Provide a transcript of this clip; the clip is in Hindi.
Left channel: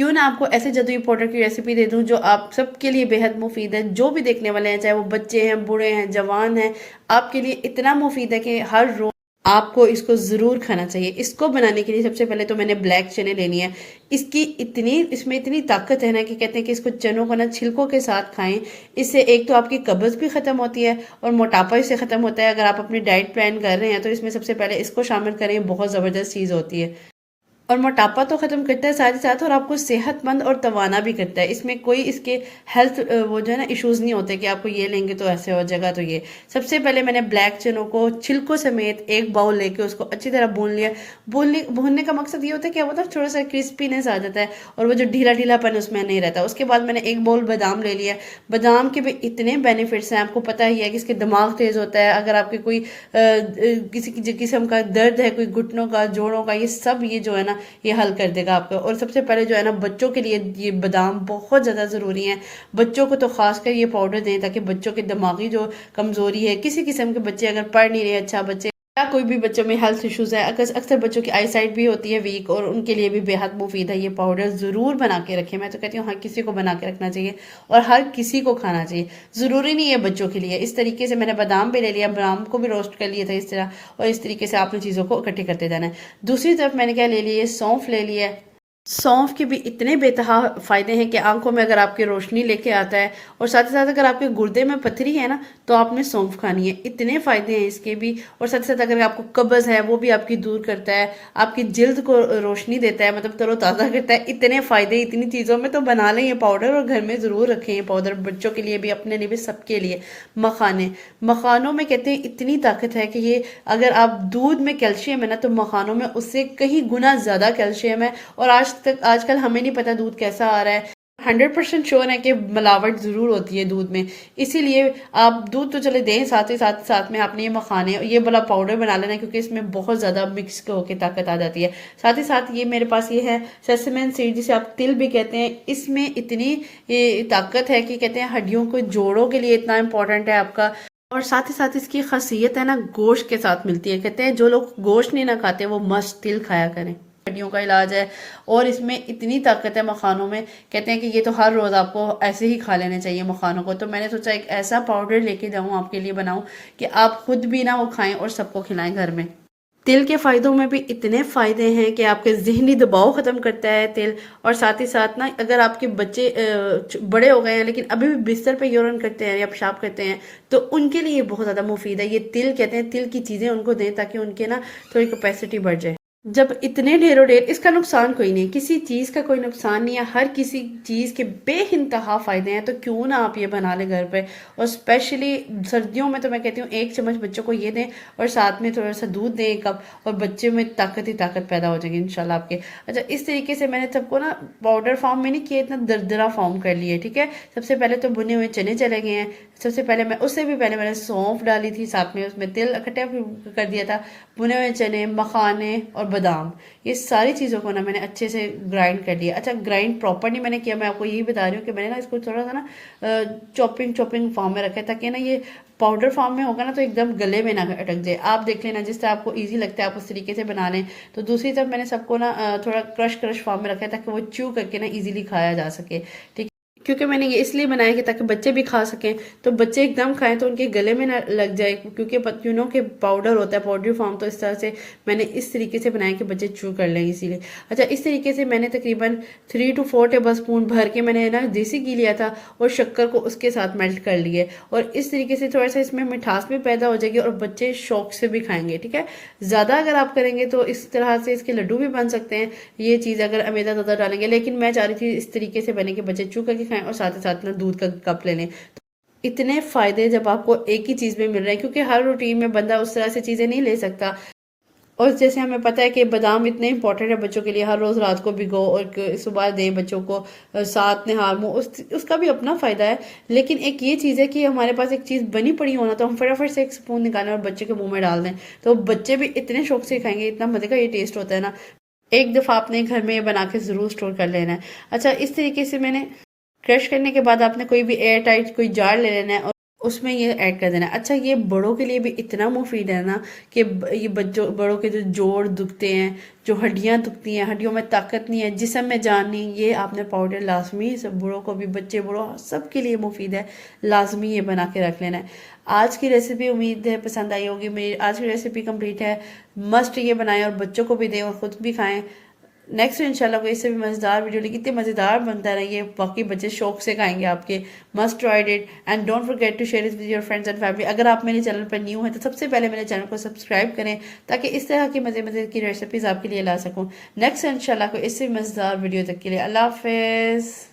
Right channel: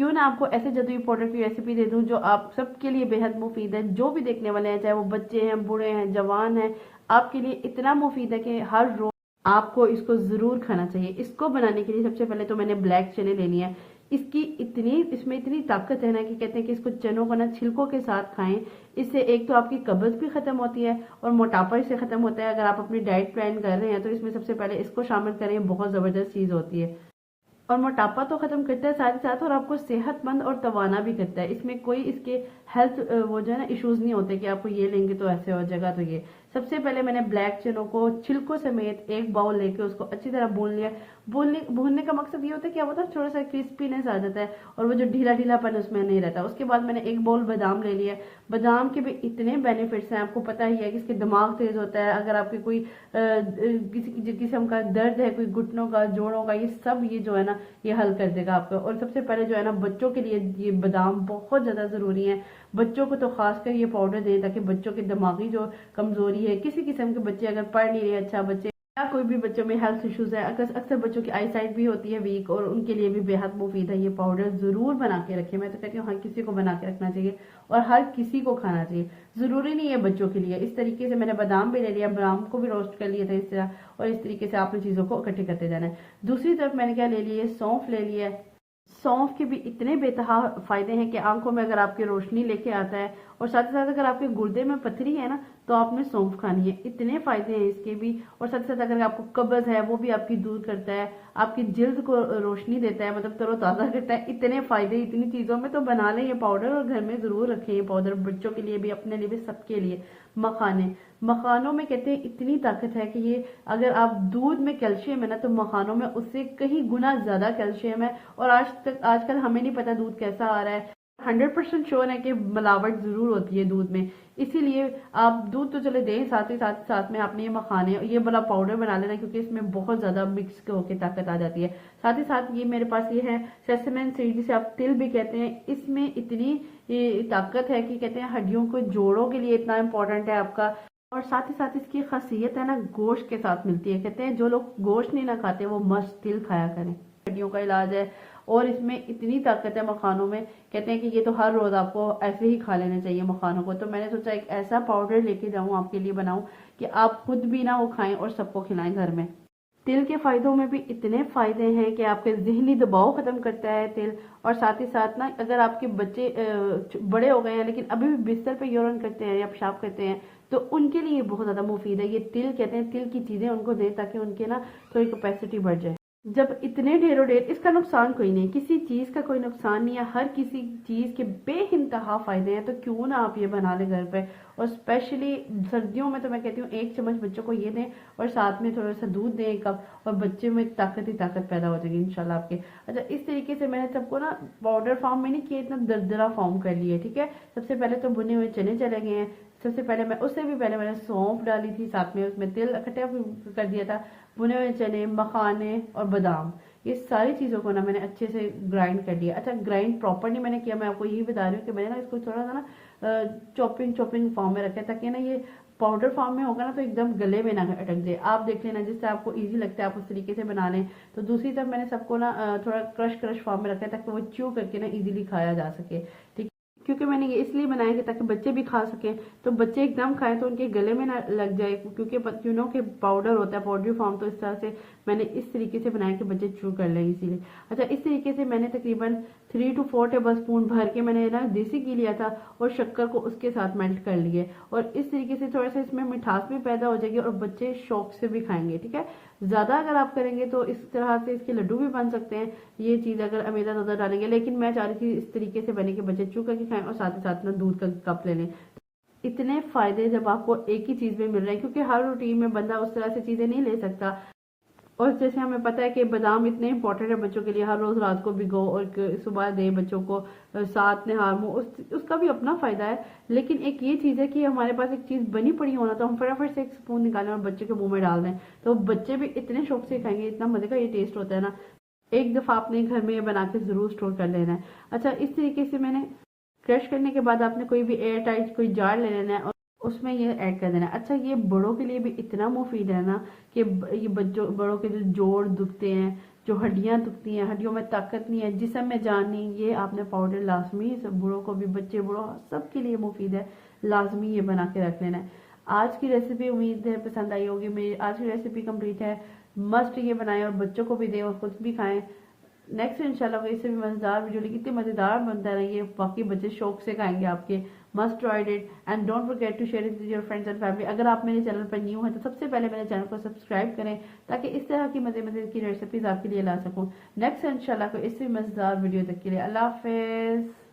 क्यों ना आपको ऐसे जादुई पाउडर की रेसिपी दे दूं जो आप सबके लिए बेहद मुफीद है। जो भी देखने वाले हैं, चाहे वो बच्चे हैं, बूढ़े हैं, जवान हैं, आपके लिए इतना मुफीद है कि हर रोज आपको इसको ज़रूर खाना चाहिए। इसको बनाने के लिए सबसे पहले तो मैंने ब्लैक चने लेनी है। इसमें इतनी ताकत है ना कि कहते हैं कि इसको चनों को ना छिलकों के साथ खाएं। इससे एक तो आपकी कब्ज़ भी ख़त्म होती है और मोटापा इससे ख़त्म होता है। अगर आप अपनी डाइट प्लान कर रहे हैं तो इसमें सबसे पहले इसको शामिल करें, बहुत ज़बरदस्त चीज़ होती है। और मोटापा तो ख़त्म करता है साथ ही साथ, और आपको सेहतमंद और तवाना भी करता है। इसमें कोई इसके हेल्थ वो जो है ना इश्यूज़ नहीं होते कि आपको ये लेंगे तो ऐसे हो जाएगा। तो ये सबसे पहले मैंने ब्लैक चनों को छिलकों समेत एक बाउल लेके उसको अच्छी तरह भून लिया। भूनने का मकसद ये होता है कि वो तो थोड़ा सा क्रिस्पीनेस आ जाता है और वो जो ढीला ढीलापन उसमें नहीं रहता। उसके बाद मैंने एक बाउल बादाम ले लिया। बादाम के भी इतने बेनिफिट्स हैं, आपको पता ही है कि इसके दिमाग तेज़ होता है। अगर आपके कोई किसी किस्म का दर्द है, कोई घुटनों का, जोड़ों का, ये सब ये जो है ना ये हल कर देगा आपको। और सबसे पहले जो है ना बच्चों के लिए ये बादाम बहुत ज़्यादा ज़रूरी हैं। बच्चों को तो खासकर ये पाउडर दें ताकि बच्चों की दिमागी जो कमज़ोरी है, किसी किस्म के बच्चे अगर पढ़ नहीं रहे अच्छा, बच्चे या कोई भी बच्चों में हेल्थ इश्यूज़ है, अक्सर बच्चों की आई साइट भी होती है वीक, और उनके लिए भी बेहद मुफीद है। ये पाउडर ज़रूर बना के रखें। मैं तो कहती हूँ हर किसी को बना के रखना चाहिए और हर किसी को खाना चाहिए। ज़रूरी नहीं है बच्चों के लिए। इस तरीके से मैंने बादाम भी ले लिया, बादाम को भी रोस्ट कर लिया था इस तरह, और इस तरीके से आपने चीज़ों को इकट्ठे करते जाना है। दूसरी तरफ मैंने क्या ले लिया, सौंफ ले लिया है। सौंफ के भी इतने बेतहा फ़ायदे हैं कि आंखों में अगर आपकी रोशनी लेके आता है, और साथ ही साथ अगर आपके गुर्दे में पथरी है ना तो आपने सौंफ खानी है। इतने फ़ायदे हैं इसके भी। और साथ ही साथ अगर आपको कब्ज़ है वो भी आपकी दूर करता है, आपकी जिल्द को रोशनी देता है, मतलब तरोताज़ा करता है। इतने फ़ायदे इतनी चीज़ों में, तो बना लें ये पाउडर और घर में ज़रूर रखें ये पाउडर, बच्चों के लिए भी, अपने लिए भी, सबके लिए। मखानों में कहते हैं इतनी ताकत है कि ये, अगर आप दूध में कैल्शियम है ना तो मखानों में उससे कहीं गुना ज़्यादा कैल्शियम है। और आजकल हमें नहीं पता दूध कैसा आ रहा है। 100% श्योर है कि मिलावट ज़रूर होती है दूध में। इसीलिए आप दूध तो चले दें, साथ ही साथ में आपने ये मखाने, ये वाला पाउडर बना लेना, क्योंकि इसमें बहुत ज़्यादा मिक्स होकर ताकत आ जाती है। साथ ही साथ ये मेरे पास ये है सेसमेन सीड, जिसे आप तिल भी कहते हैं। इसमें इतनी ये ताकत है कि कहते हैं हड्डियों को, जोड़ों के लिए इतना इंपॉर्टेंट है आपका। और साथ ही साथ इसकी खासियत है ना गोश्त के साथ मिलती है। कहते हैं जो लोग गोश्त नहीं ना खाते वो मस्त तिल खाया करें, हड्डियों का इलाज है। और इसमें इतनी ताकत है मखानों में, कहते हैं कि ये तो हर रोज़ आपको ऐसे ही खा लेने चाहिए मखानों को। तो मैंने सोचा एक ऐसा पाउडर लेके जाऊँ, आपके लिए बनाऊँ कि आप खुद भी ना वो खाएं और सबको खिलाएं घर में। तिल के फ़ायदों में भी इतने फ़ायदे हैं कि आपके ज़हनी दबाव ख़त्म करता है तिल। और साथ ही साथ ना अगर आपके बच्चे बड़े हो गए हैं लेकिन अभी भी बिस्तर पे यूरिन करते हैं या पेशाब करते हैं, तो उनके लिए बहुत ज़्यादा मुफीद है ये तिल। कहते हैं तिल की चीज़ें उनको दें ताकि उनके ना थोड़ी कैपेसिटी बढ़ जाए। जब इतने ढेरों ढेर, इसका नुकसान कोई नहीं, किसी चीज़ का कोई नुकसान नहीं है, हर किसी चीज़ के बेइंतहा फ़ायदे हैं। तो क्यों ना आप ये बना लें घर पे। और स्पेशली सर्दियों में तो मैं कहती हूँ एक चम्मच बच्चों को ये दें और साथ में थोड़ा सा दूध दें एक कप, और बच्चे में ताकत ही ताकत पैदा हो जाएगी इंशाल्लाह आपके। अच्छा, इस तरीके से मैंने सबको ना पाउडर फॉर्म में नहीं किया, इतना दरदरा फॉर्म कर लिए। ठीक है, सबसे पहले तो भुने हुए चने चले गए हैं। सबसे पहले उससे भी पहले मैंने सौंफ डाली थी, साथ में उसमें तिल इकट्ठा कर दिया था, भुने हुए चने, मखाने और बादाम, ये सारी चीज़ों को ना मैंने अच्छे से ग्राइंड कर लिया। अच्छा, ग्राइंड प्रॉपर नहीं मैंने किया, मैं आपको यही बता रही हूँ कि मैंने ना इसको थोड़ा सा ना चॉपिंग फॉर्म में रखा है, ताकि ना ये पाउडर फॉर्म में होगा ना तो एकदम गले में ना अटक जाए। आप देख लेना जिस तरह आपको इजी लगता है आप उस तरीके से बना लें। तो दूसरी तरफ मैंने सबको ना थोड़ा क्रश फॉर्म में रखा है ताकि वो च्यू करके ना इजीली खाया जा सके। ठीक, क्योंकि मैंने ये इसलिए बनाया कि ताकि बच्चे भी खा सकें, तो बच्चे एकदम खाएं तो उनके गले में ना लग जाए, क्योंकि पत्तियों के पाउडर होता है, पाउडरी फॉर्म। तो इस तरह से मैंने इस तरीके से बनाया कि बच्चे चू कर लें इसीलिए। अच्छा, इस तरीके से मैंने तकरीबन 3 to 4 टेबल स्पून भर के मैंने ना देसी घी लिया था और शक्कर को उसके साथ मेल्ट कर लिए। और इस तरीके से थोड़ा सा इसमें मिठास भी पैदा हो जाएगी और बच्चे शौक से भी खाएंगे। ठीक है, ज़्यादा अगर आप करेंगे तो इस तरह से इसके लड्डू भी बन सकते हैं ये चीज़, अगर अमेदा ज़्यादा डालेंगे। लेकिन मैं चाह रही थी इस तरीके से बने कि बच्चे चू करके खाएं और साथ ही साथ ना दूध का कप ले लें। इतने फ़ायदे जब आपको एक ही चीज़ में मिल रहे हैं, क्योंकि हर रूटीन में बंदा उस तरह से चीज़ें नहीं ले सकता। और जैसे हमें पता है कि बादाम इतने इंपॉर्टेंट है बच्चों के लिए, हर रोज़ रात को भिगो और सुबह दें बच्चों को, साथ निहार मुँह, उसका भी अपना फ़ायदा है। लेकिन एक ये चीज़ है कि हमारे पास एक चीज़ बनी पड़ी होना तो हम फटाफट से एक स्पून निकालें और बच्चे के मुंह में डाल दें, तो बच्चे भी इतने शौक से खाएंगे। इतना मज़े का ये टेस्ट होता है ना, एक दफ़ा आपने घर में ये बना के ज़रूर स्टोर कर लेना है। अच्छा, इस तरीके से मैंने क्रश करने के बाद आपने कोई भी एयर टाइट कोई जार ले लेना है और उसमें ये ऐड कर देना। अच्छा, ये बड़ों के लिए भी इतना मुफीद है ना कि ये बच्चों बड़ों के जो जोड़ दुखते हैं, जो हड्डियां दुखती हैं, हड्डियों में ताकत नहीं है, जिस्म में जान नहीं, ये आपने पाउडर लाजमी, सब बूढ़ों को भी, बच्चे बूढ़ों सबके लिए मुफीद है, लाजमी ये बना के रख लेना है। आज की रेसिपी उम्मीद है पसंद आई होगी। मेरी आज की रेसिपी कंप्लीट है, मस्ट ये बनाएं और बच्चों को भी दें और ख़ुद भी खाएं। नेक्स्ट इंशाल्लाह कोई इससे भी मज़ेदार वीडियो लेकिन इतने मज़ेदार बनता है ये, बाकी बच्चे शौक से खाएंगे आपके। Must tried it and don't forget to share it with your friends and family. अगर आप मेरे चैनल पर न्यू हैं तो सबसे पहले मेरे चैनल को सब्सक्राइब करें ताकि इस तरह की मज़े मज़े की रेसिपीज़ आपके लिए ला सकूँ। नेक्स्ट इंशाल्लाह कोई इससे भी मज़ेदार वीडियो तक के लिए अल्लाह हाफ़िज़।